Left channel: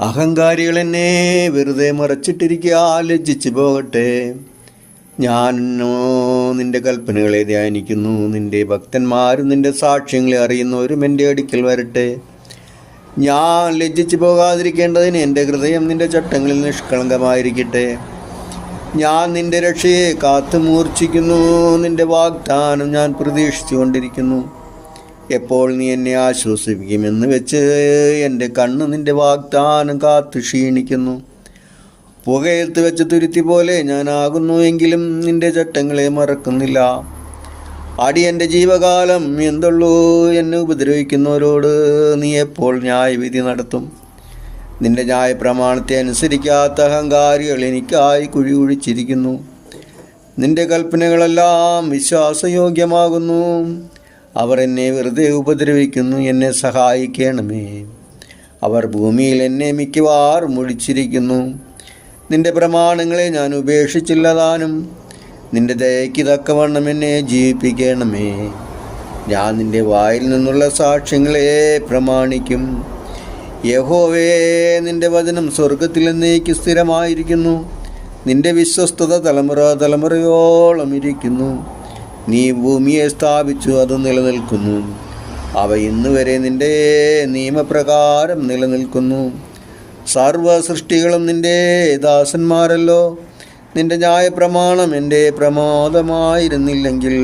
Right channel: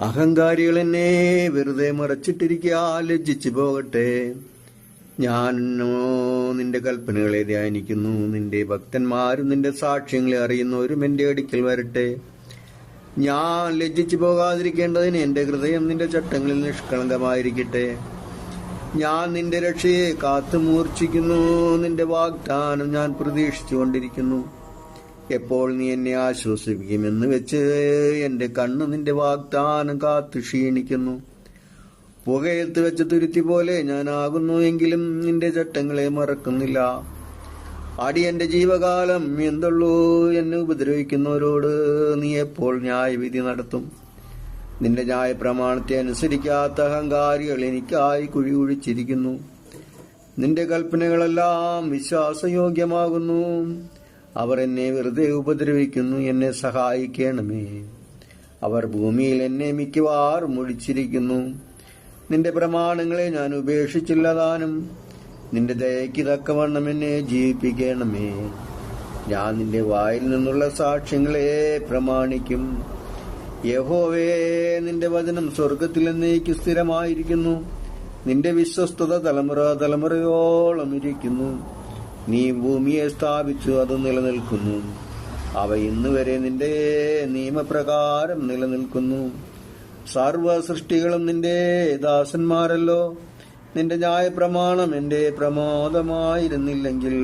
അഹങ്കാരികൾ എന്നെ വെറുതെ മറച്ചിട്ടിരിക്കുക ലജ്ജിച്ചു പോകട്ടെ. ഞാനോ നിന്റെ കൽപ്പനകളെ ധ്യാനിക്കുന്നു. നിന്റെ ഭക്തന്മാരും നിന്റെ സാക്ഷ്യങ്ങളെ അറിയുന്നവരും എന്റെ അടുക്കൽ വരട്ടെ. ഞാൻ ലജ്ജിച്ചു പോകാതിരിക്കേണ്ടതിന് എന്റെ ഹൃദയം നിന്റെ ചട്ടങ്ങളിൽ നിഷ്കളങ്കമായിരിക്കട്ടെ. ഞാൻ നിന്റെ രക്ഷയെ കാത്തു മൂർച്ഛിക്കുന്നു നിന്റെ വാഗ്ദാനം ഞാൻ പ്രതീക്ഷിച്ചു കൊണ്ടിരിക്കുന്നു എപ്പോൾ നീ എന്നെ ആശ്വസിപ്പിക്കുമെന്ന് വെച്ച് എന്റെ കണ്ണ് നിന്റെ വാഗ്ദാനം കാത്തു ക്ഷീണിക്കുന്നു. പുകയത്ത് വെച്ച് തുരുത്തി പോലെ ഞാനാകുന്നു എങ്കിലും നിന്റെ ചട്ടങ്ങളെ മറക്കുന്നില്ല. അടി എന്റെ ജീവകാലം എന്തുള്ളൂ എന്നെ ഉപദ്രവിക്കുന്നവരോട് നീ എപ്പോൾ ന്യായവിധി നടത്തും? നിന്റെ ന്യായപ്രമാണത്തെ അനുസരിക്കാത്ത അഹങ്കാരികൾ എനിക്കായി കുഴി കുഴിച്ചിരിക്കുന്നു നിന്റെ കൽപ്പനകളെല്ലാം വിശ്വാസയോഗ്യമാകുന്നു. അവർ എന്നെ വെറുതെ ഉപദ്രവിക്കുന്നു എന്നെ സഹായിക്കണമേ. അവർ ഭൂമിയിൽ എന്നെ മിക്കവാറും ഒഴിച്ചിരിക്കുന്നു. നിന്റെ പ്രമാണങ്ങളെ ഞാൻ ഉപേക്ഷിച്ചില്ലതാനും നിന്റെ ദയയ്ക്ക് തക്കവണ്ണം എന്നെ ജീവിപ്പിക്കണമേ. ഞാൻ നിന്റെ വായിൽ നിന്നുള്ള സാക്ഷ്യങ്ങളെ പ്രമാണിക്കും. യഹോവേ നിന്റെ വചനം സ്വർഗത്തിൽ എന്നേക്ക് സ്ഥിരമായിരിക്കുന്നു. നിന്റെ വിശ്വസ്തത തലമുറ തലമുറയോളം ഇരിക്കുന്നു. നീ ഭൂമിയെ സ്ഥാപിച്ചു അത് നിലനിൽക്കുന്നു. അവ ഇന്ന് വരെ നിന്റെ നിയമപ്രകാരം നിലനിൽക്കുന്നു. സർവ സൃഷ്ടികളും നിന്റെ ദാസന്മാരല്ലോ. നിന്റെ ന്യായപ്രമാണം എന്റെ പ്രമാദമായിരുന്നില്ലെങ്കിൽ